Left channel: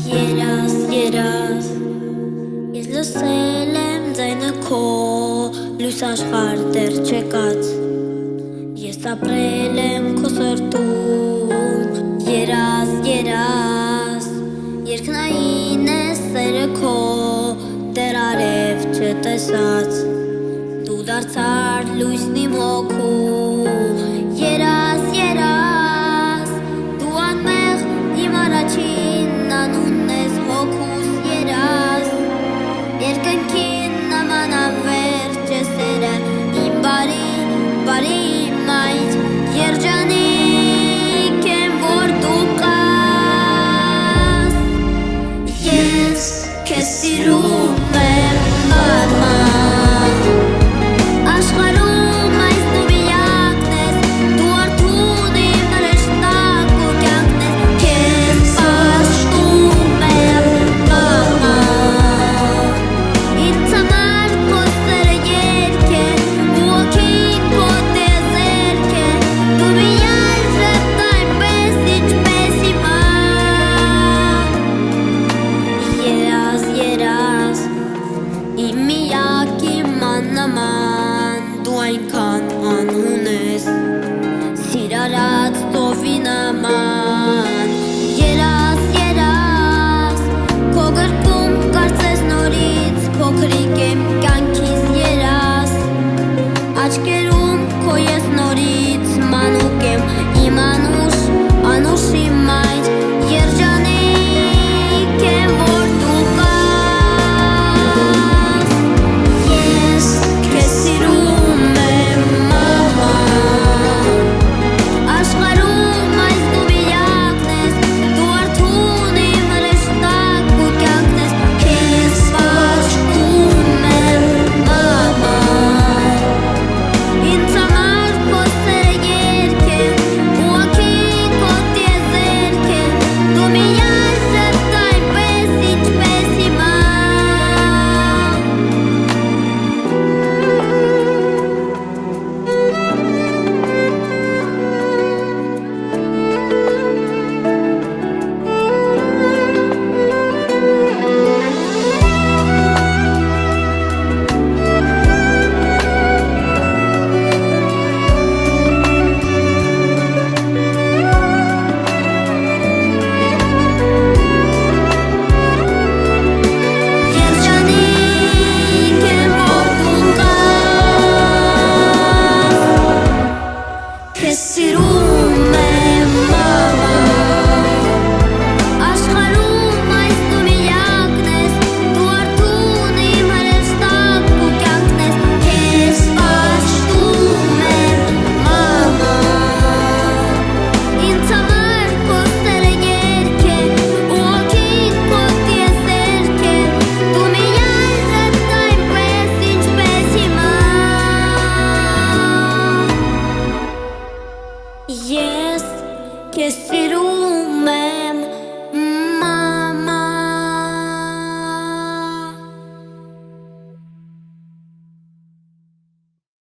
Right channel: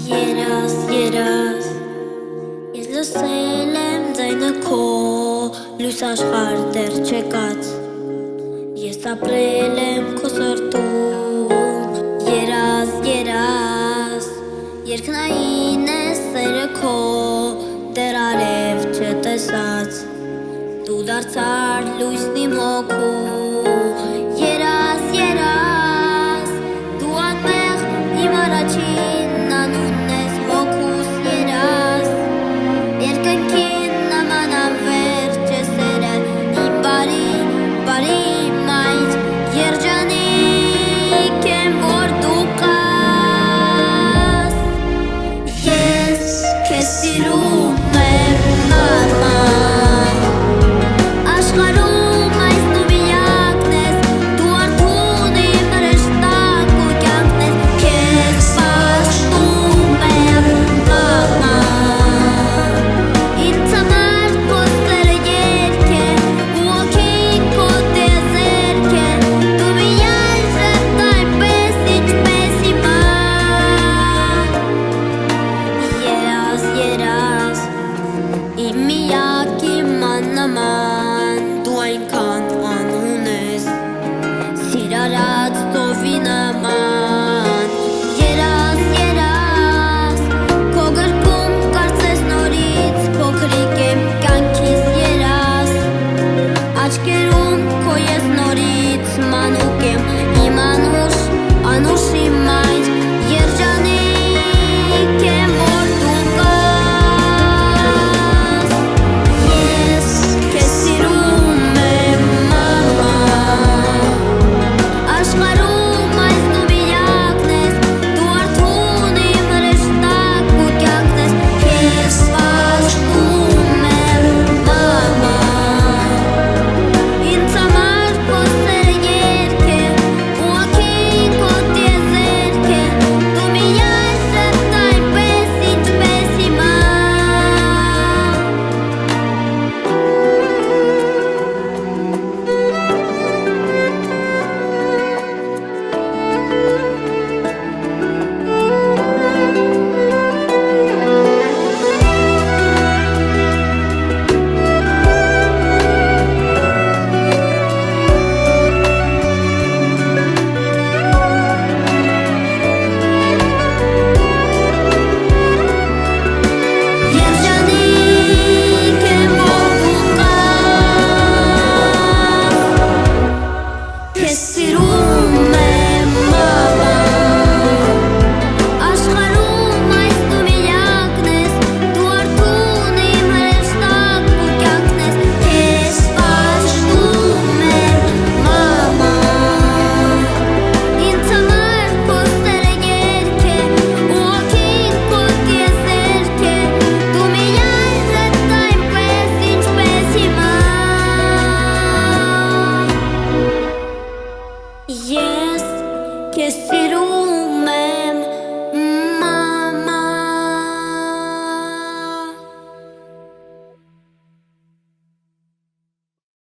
Երաս, երաս, ես լսել եմ ձայնը քո, լույս աշխարհ դեռ չեկած, ես ապրել եմ քո սրտում, երաս, երաս, երկնային է սերը քո, դեռ արև չտեսած, դու դարձար լույսն իմ հոգու, երաս, երաս, դու անմեղ իմ առաջին անունն ես հոգուս երաս, երկնքին նման անվերջ է սերը իմ բարի մայր, երջանիկ եմ որ դու կաս, ես քեզ սիրում եմ մաման, աշխարհում այս դու միակն ես, դու արթուն իմ հրեշտակ ու կյանքն ես, քեզ պաշտում եմ մաման, ինձ համար քո սերը երգ է, ու հոգին քո տիեզերք է, դու միայն ժպտ այնպես ինչպես հիմա, երաս, երաս, իմ միակ իմ աննման, դու այնքան անուն ես, սիրարած ծովի նման, երաս, երաս, քո գրկում կարծես նորից, փոքրիկ եմ կյանքիս երաս, աչքերում քո ես նորից, մանուկ եմ իմ անուշի մայր, երջանիկ եմ որ դու կաս, ես քեզ սիրում եմ մաման, աշխարհում այս դու միակն ես, դու արթուն իմ հրեշտակ ու կյանքն ես, քեզ պաշտում եմ մաման, ինձ համար քո սերը երգ է, ու հոգին քո տիեզերք է, դու միայն ժպտ այնպես ինչպես հիմա, երջանիկ եմ որ դու կաս, քեզ սիրում եմ մաման, աշխարհում այս դու միակն ես, դու արթուն իմ հրեշտակ ու կյանքն ես, քեզ պաշտում եմ մաման, ինձ համար քո սերը երգ է, ու հոգին քո տիեզերք է, դու միայն ժպտ այնպես ինչպես հիմա, ես քեզ սիրում